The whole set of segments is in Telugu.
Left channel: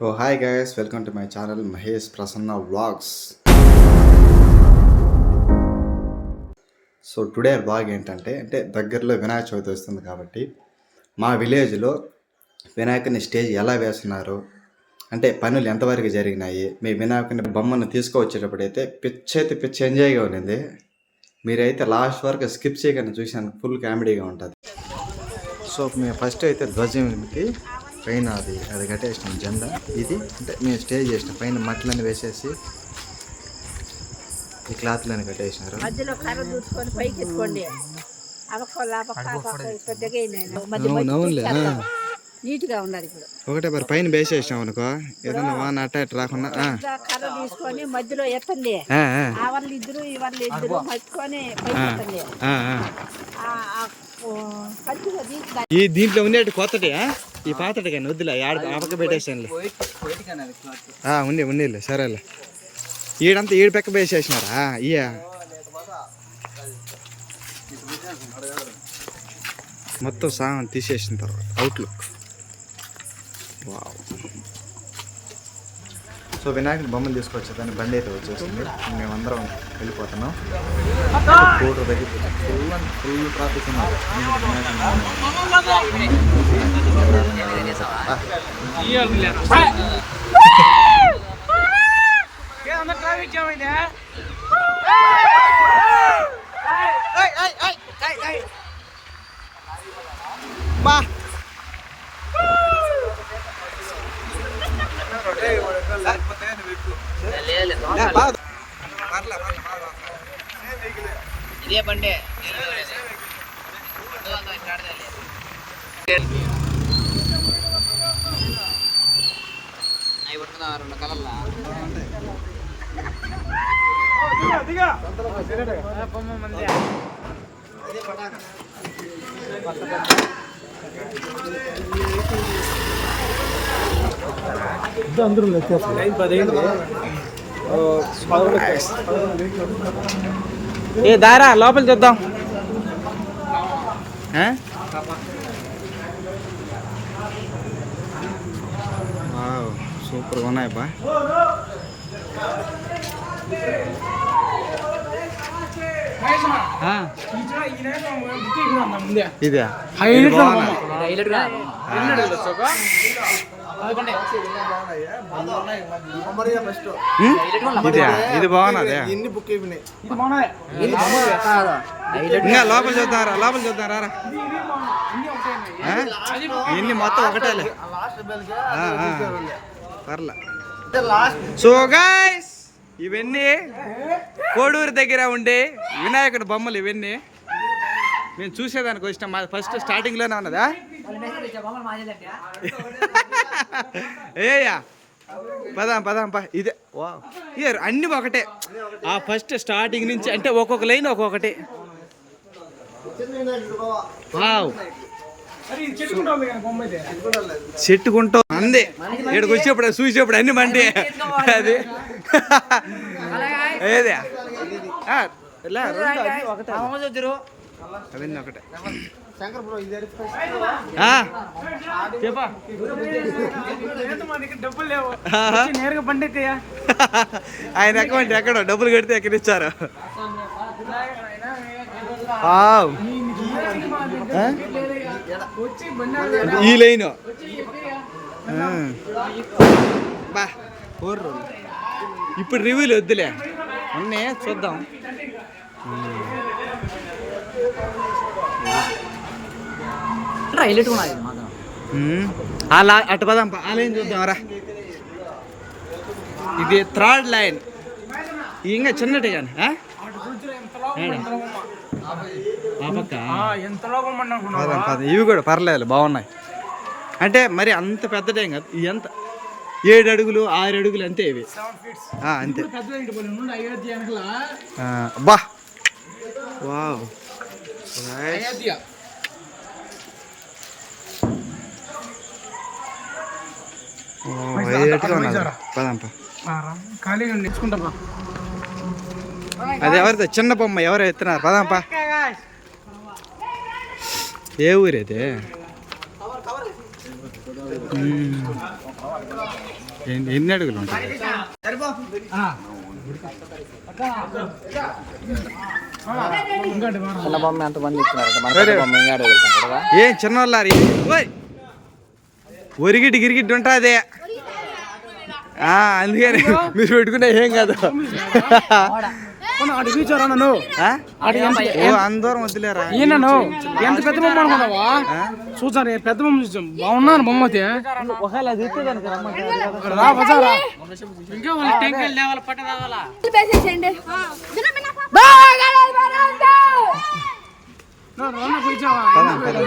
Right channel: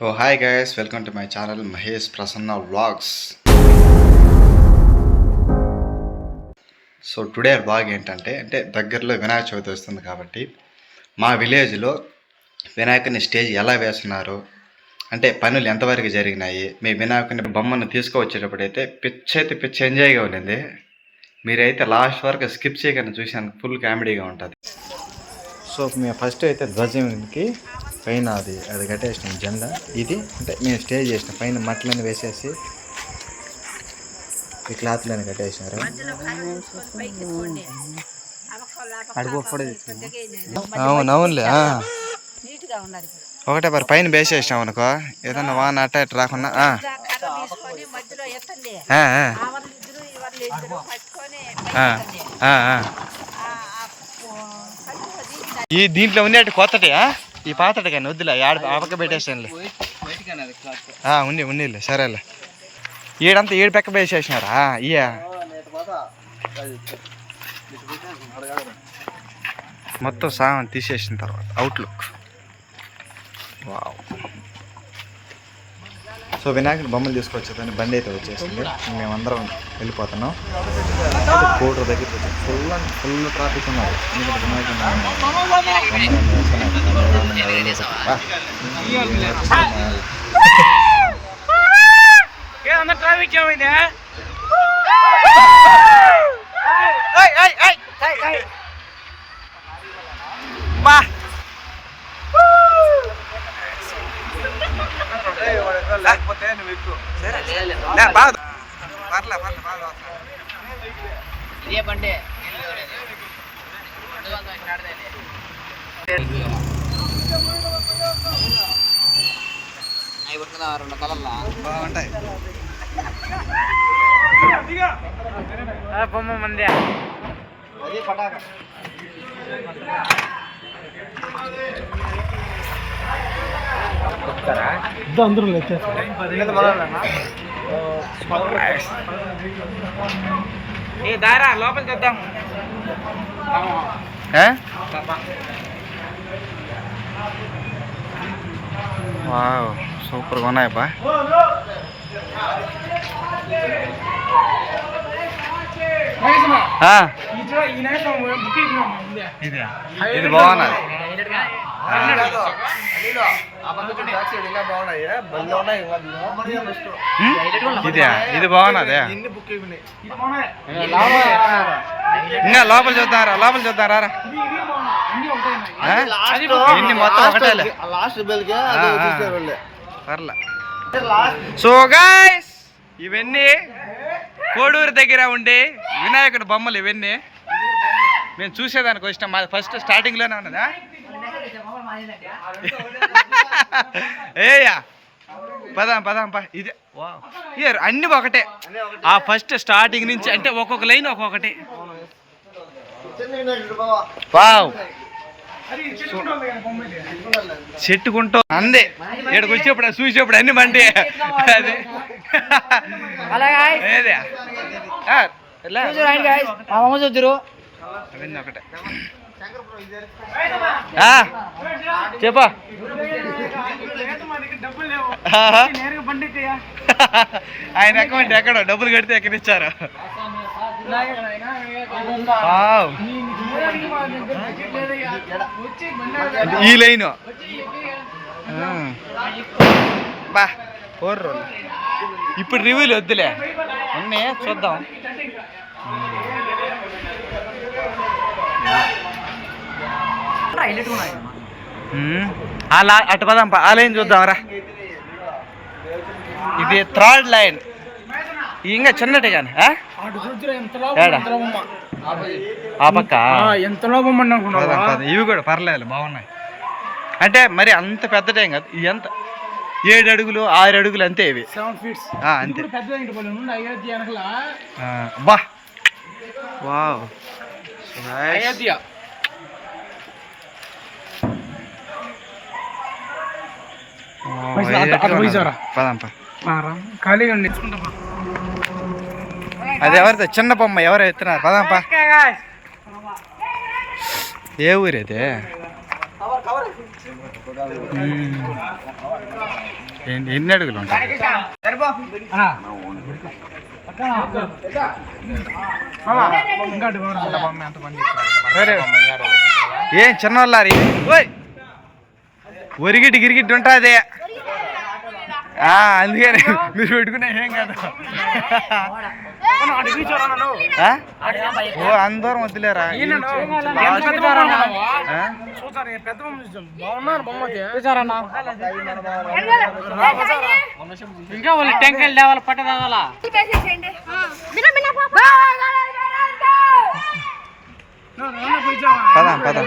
Oh hi guys welcome to my channel Mahesh Prasanna vlogs so today vlog ఏంటంటే అంటే దగ్గరలో వినాయక చవితి వస్తుంది కాబట్టి మా విలేజ్లో వినాయకుని స్టేజ్ ఎలా వేస్తున్నారు అంటే పనులు ఎంతవరకు జరిగినాయి మీ వినాయకుని బొమ్మను తీసుకువచ్చేటప్పుడు అయితే పిచ్ అయితే పిచ్ ఎంజాయ్గా ఉండింది. మీరైతే లాస్ట్ వరకు స్కిప్ చేయకుండా చూసాను ఫుల్ కామెడీగా ఉంటుంది. సో మేము ఫస్ట్ అయితే ధ్వజంకి పైన అది అది కట్టేసినాం జెండా. ఇది అంటే మేము స్టే చేసినాం. పైన మట్లని వేసేసి ఈ క్లాత్లని కట్టేసినారు. మధ్యలో కర్ర చూసుకొని పైకి ఎత్తుకోండి. అవకొల్ల పెద్దగా అవును అవునులే ఆ. నీట్గా ఉండాలి ఇప్పుడు. ఒకటే మరి పైన వేసేసినాం అనుకో ఏదన్నా వాన అట్ట ఇట్ట రాకుండా ఈ దీంట్లో ఉండేటి కొత్తటి ఆ? ఈ పాతటి కానీ వద్దులే ఆడ ఆ పక్క పెట్టేసానులే ఉంది ఉండిలే సరేలే. ఈడంతా ఈడు పక్క వేసేసినారా ఇయ్యా. మొత్తం సామాన్ తీసేసిన తర్వాత అవుట్లుక్ వావ్. సో వినాయకుడు బొమ్మలు తీసుకొచ్చేదాన్ని బండి అయితే వచ్చేసింది. మేమందరం వెళ్ళిపోతున్నాం. కోటర్ దగ్గర ఫుల్ అండ్ ఫుల్ ట్రాఫిక్ ఉన్నది. ఎందుకంటే వినాయకుని బొమ్మలు అన్నీ వస్తున్నాయి నిదానంగా వెళ్ళేసరికి. బా. లే, బాగా. పర్లే, పర్లే, బాగా వస్తా. ఏ దారా లోపల చూద్దాం? వావ్ సూపర్గా ఉన్నాయి బా. ఇదే ఇది బాగున్నది. ఇదే ఇది బాగున్నదే. ఇంకా లోపల చూద్దాం రా లోపల చూద్దాం రా ఇన్ని మొత్తం ఒకటేలే. ఆ, ఆ. పర్లే. సో గాయస్ ఇవన్నీ కోడూరు దగ్గర ఉండే వినాయకుడి బొమ్మలు ఇవన్నీ. మేము చూసేదానికి వచ్చినాం. మా ఫస్ట్ స్టార్టింగ్లోనే ఉన్నదా? ఏయా పదాం పదాం పా ఇదే వా ఇదే అన్ని ఒకటే. ఆ ఫస్ట్ స్టార్టింగ్ నుంచి అంటే ఒక్కొక్క లైన్ ఒక్కొక్కటి. వావ్. చెట్టుకుంటూ అందే. ఇక్కడికి వచ్చేప్పుడు చూసేప్పుడు అన్ని మండి. అది. ఏదే? ఆ, ఎలా? అవన్నీ ఒకటే. చెప్పా. ఆయన అకౌంట్ ఎక్కడో డబ్బులు కడితే ఎక్కడ ఇచ్చారు? ఈ లైన్. బా ఇప్పుడు రివ్యూలు వద్దులే. ఉన్నాయి చూద్దాం. ఉమ్. ఆ లా అటు పదాం పా. ఆ లైన్ చూద్దాం రా. ఇది థర్డ్ లైన్. ఇంకా చిన్నటి కానీ ఏడా? ఆ పక్క? పదాం పదాం. ఇవి కూడా పర్లేదు బాగున్నాయి. అంటే మరి అంత పెద్దటేం కాదు. ఇవి ఎంత? ఏడు అడుగులు ఆరు అడుగులు అంతే ఇవి. సెవెన్ ఫీట్స్ ఆ, అంతే. బా. వావ్. ఖాళీగా. అది ఎవరిది? చిన్న బొమ్మ ఎవరు ఎత్తున్నారు? పదాం పా ఏ ఊరేదే ఎన్ని ఎన్ని అడుగులు ఉంటాయి. ఏం చిన్నవాళ్ళారి ఓయ్! ఒరిగిటి గిరిగిటి ఉంటుంది. అందుకని మీరు పెట్టుకునే ఏం కాదు. ఓ అందరం వద్దులేరా? చూసారు పెద్ద బొమ్మ చూసాం? బాగున్నాను బొమ్మ? ఇంకా వాళ్ళు టెంకాయలు తేవాలి పట్ట తేవాలా? పదాం పదాం?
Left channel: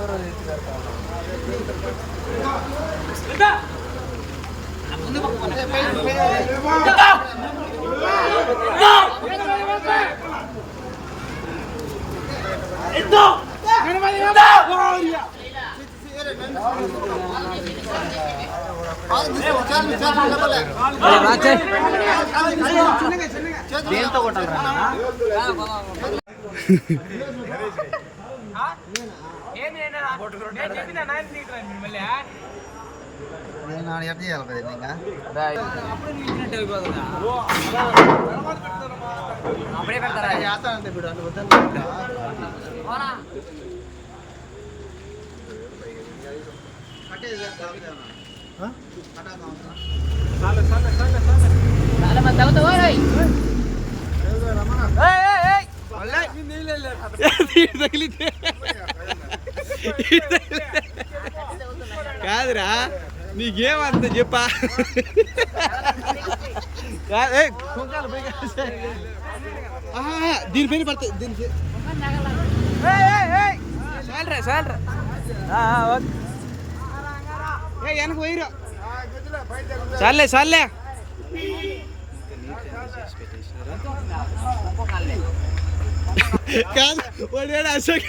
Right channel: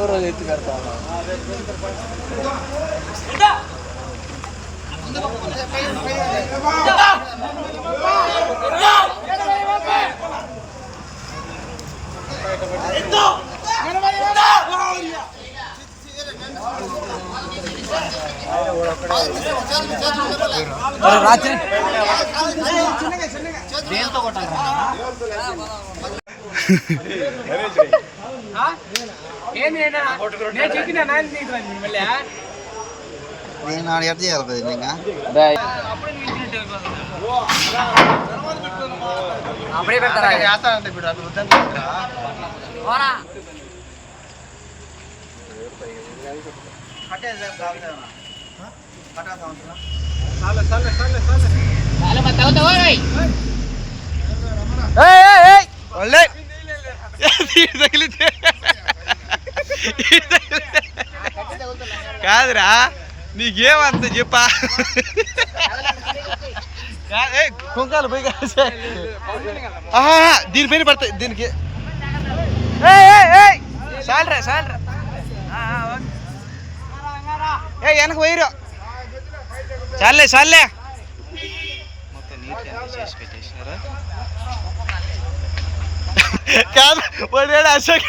ఆడ ఎట్ చేయాలి కదా ఇంకా అప్పుడే నువ్వు ఇచ్చినట్టు అయిపోతుంది అప్పుడే పెడతారా చేస్తానంటే ఇప్పుడు అట్లా వద్దని కట్టేది కాదు కదా కట్టా సంవత్సరం తగిలితే కాదురా నీకేమంత చెప్పా? ఏ, కుంకాలు పోయి దీనిపైన పడతాయి దీనికి. ఆ, ఓకే. ఏ వెనక పోయిరు చాలే చాలే. మొత్తం నీట్ ఎంత చేసి పెట్టేసినారా? కాదు వాడు అశోక్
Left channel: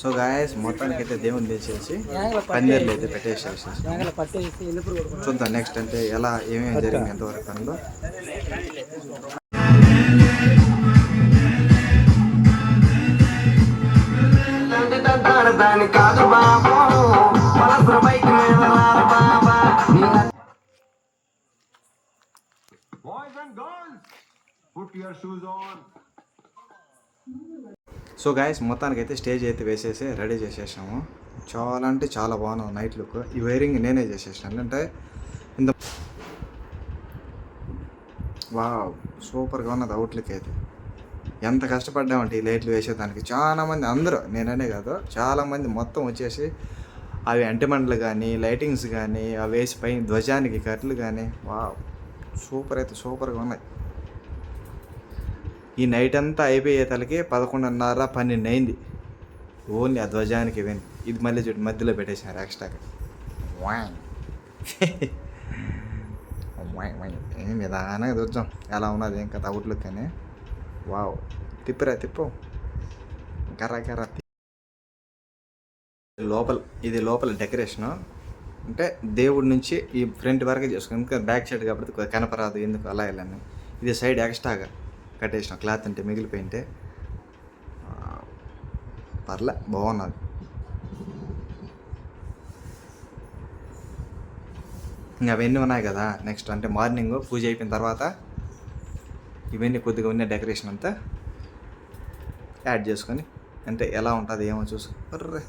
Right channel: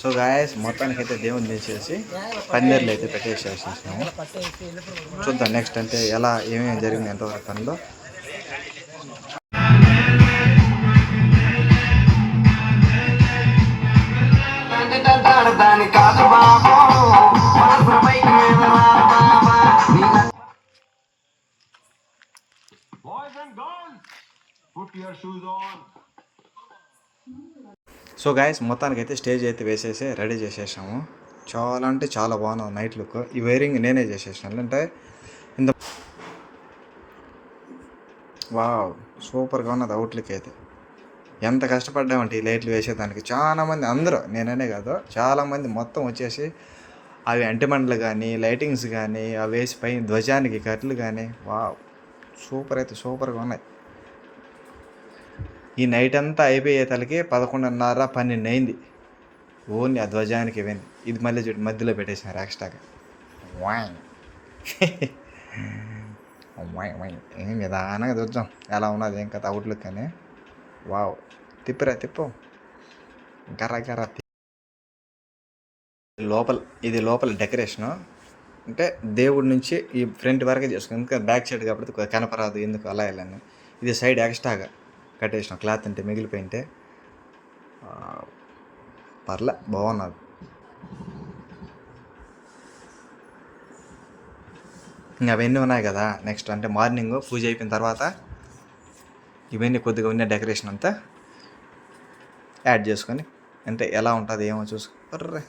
సో గాయస్ మొత్తానికి అయితే దేవుని తీసేసి పందిర్లు అయితే పెట్టేసేసేసినాము. చూద్దాం నెక్స్ట్ అంటే ఎలా ఏమేమి జరిగింది ఎంతవరకు పనిలో? సో గాయస్ మొత్తానికి అయితే స్టేజ్ అయితే వేసేసి రెడీ చేసేసాము. చాలా అంటే చాలా బాగున్నాం నైట్ లుక్ ఈ వైరింగ్ నేనే చేసేసాను. అంటే ఇంత వావ్ సూపర్గా ఉన్నది అవుట్లుక్ అయితే. ఎంత కష్టపడ్డామంటే ఈ లైట్లు వేసేదానికి. చాలా మంది అందరూ నేననే కాదు చాలామంది మొత్తం వచ్చేసి అవి అంటిమండలు కానీ లైటింగ్స్ కానీ అవి వేసి పైన ధ్వజానికి కట్లు కానీ వావ్ సూపర్ అయితే సూపర్గా ఉన్నాయి. ఈ నైట్ అంతా అయిపోయే తలకి పదకొండున్నర పన్నెండు అయింది ఓన్లీ ఆ ధ్వజానికి ఇవ్వండి ఇది మళ్ళీ చూడు మధ్యలో పెట్టేసినారు ఎక్స్ట్రాగా ఏం నిదానంగా చూద్దాం. ఎలా ఉన్నది ఏం కదా అవుట్లుక్ కానీ వావ్. తిప్పిరా తిప్పు. గర్ర గర్ర లోపల ఇది లోపల డెకరేషను. అంటే దేవుడి నుంచి ఈ ఫ్రంట్ వరకే చేసుకుని ఇంకా బ్యాక్ సైడ్ కాబట్టి కనపరాదు ఎందుకు అలా వెళ్ళాను. ఇది సైడ్ ఎక్స్ట్రాగా. కట్టేసిన. క్లాత్ అంటే మిగిలిపోయింటే పర్లే బాగున్నది. ఇంకా అవన్నీ ఉన్నాయి కదా నెక్స్ట్ అంటే మార్నింగ్ పూజ అయిపోయిన తర్వాత ఇవన్నీ కొద్దిగా ఉన్న డెకరేషన్ అంతా యాడ్ చేసుకొని అంటే ఎలా ఉంటుంది ఏమో చూసు. Array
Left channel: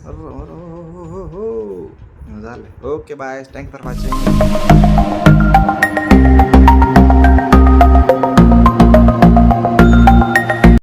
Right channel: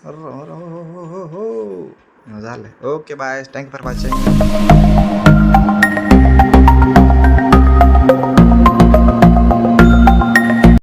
okay bye thank for watching